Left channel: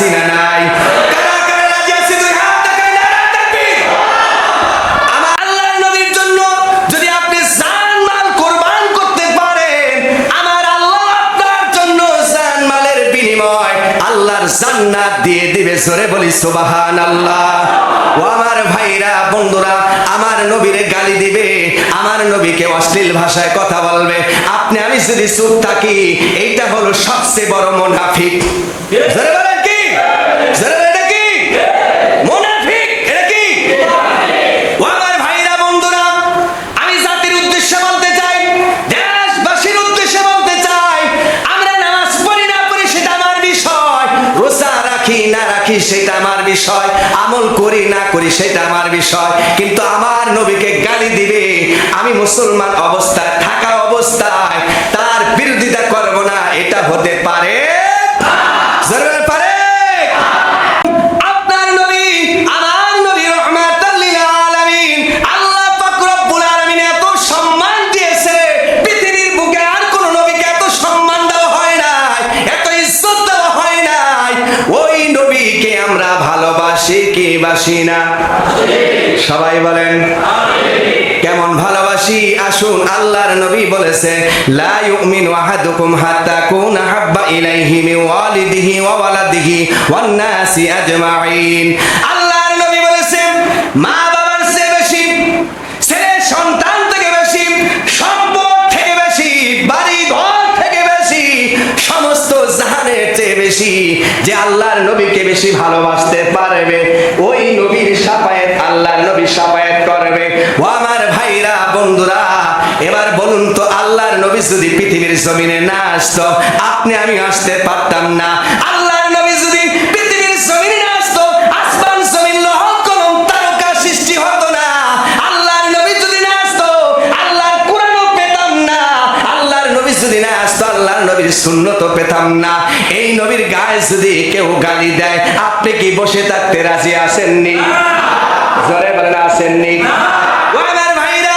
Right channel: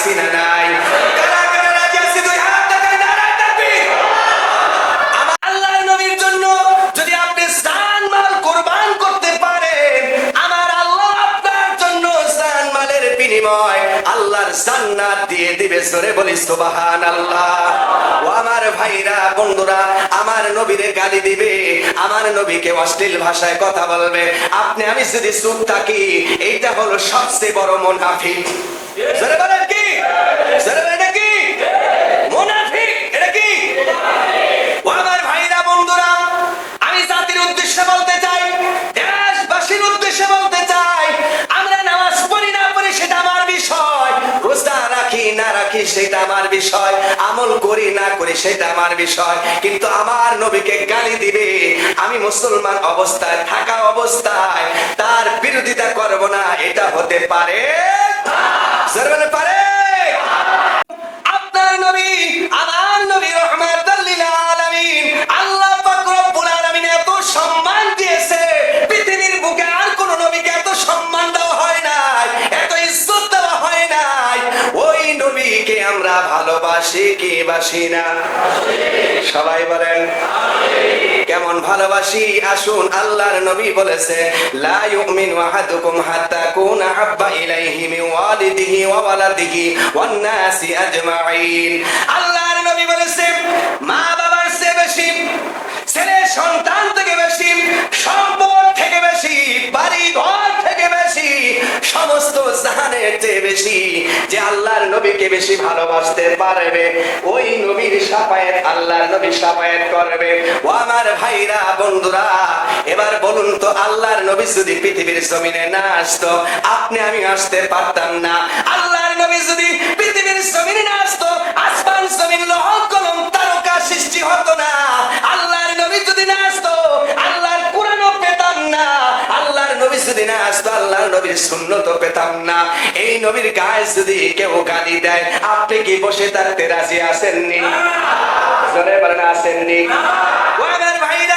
আছি না নাই? জান্নাত দিয়ে দিবে, জোরে বলি সুবহানাল্লাহ। ও আমার ভাইরা বন্ধুরা, আমার নবীরে গালি দিবে, আমার নবীকে অশ্লীল ভাষায় কথা বলবে, আপনি আমি যদি চুপ থাকি, এইটা হলো সবচেয়ে বড় মুনাফিক। জোরে বলেন কি? জোরে বলেন কি? মুনাফিক এটা কি? ও আমার ভাইরা বন্ধুরা, আমি জাতির উদ্দেশ্যে বলতে চাই, দেশবাসীর উদ্দেশ্যে বলতে চাই, আমরা নামাজ পড়ি না পড়ি সেটা আমার বিষয়, রোজা রাখি না রাখি সেটা আমার বিষয়, আমল করি না করি সেটা আমার বিষয়, কিন্তু আমার নবীকে গালি দিবে, আমি মুসলমান অবস্থায় থাকা অবস্থায় তার বিরোধিতা করব না, এটা হতে পারে? জরুর পারে? আপনার নবী আমার নবী রাহমাতাল লিল আলামিন, আল্লাহ পাক রব্বুল আলামিন এত সম্মান দিয়েছে, পৃথিবীর বুকে আর কোন নবীকে এত সম্মান দেওয়া হয় নাই, এত ইজ্জত দেওয়া হয় নাই। ওই নবীকে আমরা ভালোবাসি কি বাসি না? সবাই বলেন কেমন ভালোবাসি? আসুন, আল্লাহর নবী বলেছে, লা ইউমিনু আহাদুকুম হাত্তা কুনা হাব্বা ইলাইহি মিন ওয়ালিদিহি ওয়া ওয়ালাদিহি ওয়ান নাসি আজমাইন। আল্লাহর নবী বলেছেন, মা বাবার চেয়ে বেশি, ছেলে সন্তান থেকে বেশি, সম্পদ থেকে বেশি, বাড়ি ঘর থেকে বেশি, সমস্ত জাহানের চেয়ে বেশি যে আল্লাহর নবীকে বেশি ভালোবাসতে পারবে, ওই নবীর শাফায়াত আল্লাহর নবী শাফায়াত করবে। ও আমার ভাইরা বন্ধুরা, এবার বলুন তো, আল্লাহর নবী যদি পৃথিবীর জমিনে না আসতো, আপনি আমি আসতে পারতাম না। আল্লাহর নবী যদি পৃথিবীর জমিনে না আসতো, আসমান জমিন লৌহ কলম তারকা সৃষ্টি হতো না। আল্লাহর নবী যদি না আসতো, আল্লাহর কোরআনও পেতাম না। আল্লাহর নবী যদি না আসতো, আল্লাহর নবীর সুন্নতও পেতাম না। এই নবীর গায়ে যদি কেউ গালি দেয়, আপনি কি বসে থাকতে রাজি আছেননি? জোরে বলেন আছেননি? ওয়ানার ভাইরা,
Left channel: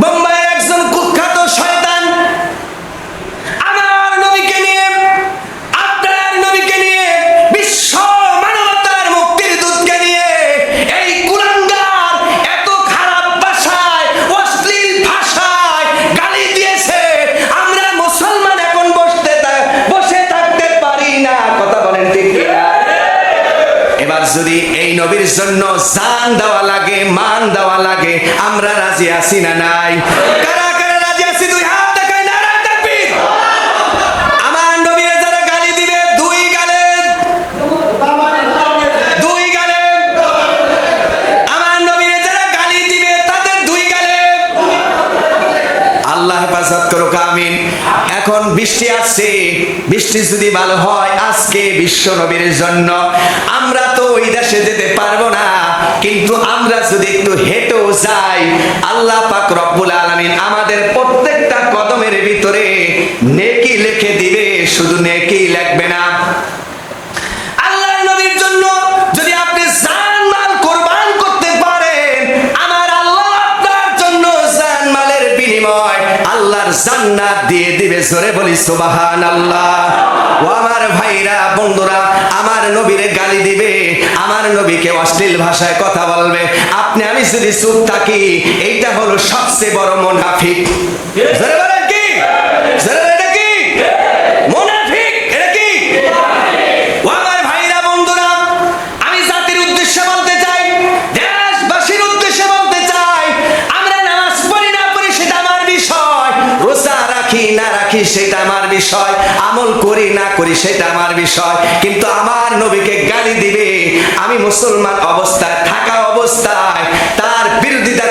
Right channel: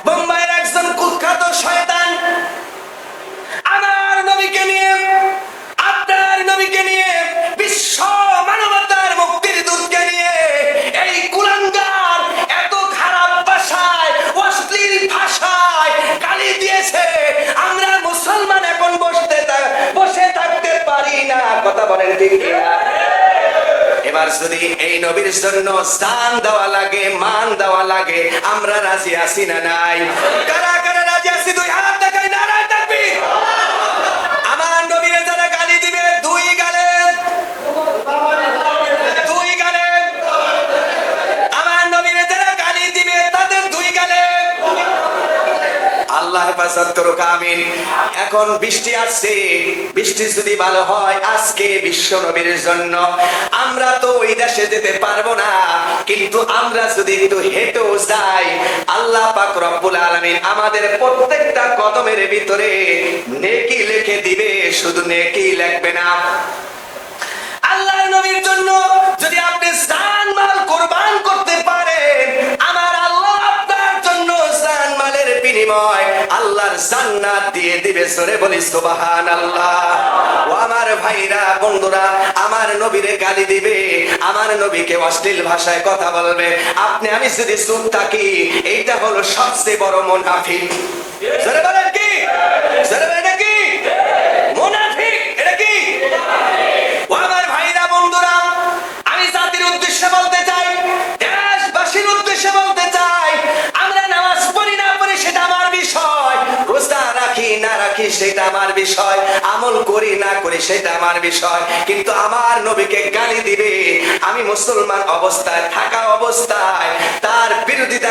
বোম্বাইয়ের একজন কুখ্যাত শয়তান আমার নবীকে নিয়ে, আপনার নবীকে নিয়ে, বিশ্ব মানবতার মুক্তির দূতকে নিয়ে এই কুলাঙ্গার এত খারাপ ভাষায়, অশ্লীল ভাষায় গালি দিয়েছে, আমরা মুসলমান এখন বসে থাকতে পারি না। কথা বলেন ঠিক কিনা? এবার যদি এই নবীর জন্য জান দেওয়া লাগে, মান দেওয়া লাগে, আমরা রাজি আছি না নাই? কারা কারা রাজি আছি? দুই হাত দেখাই, নারায়ে তাকবীর। আমার নবীর যারা গালি দিবে, দুই গালে, দুই গালে। আমার নবীর যারা গালি দিবে, তাদের দুই গালে। আল্লাহ হেফাজত করুক, আমিন। এখন বৃষ্টি আসছে, বৃষ্টি যদি ভালো হয় আজকে বিশ্ব নবীর জন্য, আমরা তো ওই দেশে যেতে পারবো না, কিন্তু আমরা যদি একটু হেঁটেও যাই, আল্লাহ পাক রব্বুল আলামিন আমাদের প্রত্যেকটা কদমের ভিতরে নেকি লিখে দিবে, শুধু নেকি লিখবে না। আল্লাহর নবীর জন্য যদি আপনি জান মাল কুরবান করতে পারেন, আমার আল্লাহ আপনার জন্য জান মালের বিনিময় আল্লাহর জান্নাত দিয়ে দিবে, জোরে বলি সুবহানাল্লাহ। ও আমার ভাইরা বন্ধুরা, আমার নবীরে গালি দিবে, আমার নবীকে অশ্লীল ভাষায় কথা বলবে, আপনি আমি যদি চুপ থাকি, এইটা হলো সবচেয়ে বড় মুনাফিক। জোরে বলেন কি? জোরে বলেন কি? মুনাফিক এটা কি? ও আমার ভাইরা বন্ধুরা, আমি জাতির উদ্দেশ্যে বলতে চাই, দেশবাসীর উদ্দেশ্যে বলতে চাই, আমরা নামাজ পড়ি না পড়ি সেটা আমার বিষয়, রোজা রাখি না রাখি সেটা আমার বিষয়, আমল করি না করি সেটা আমার বিষয়, কিন্তু আমার নবীকে গালি দিবে, আমি মুসলমান অবস্থায় থাকা অবস্থায় তার বিরোধিতা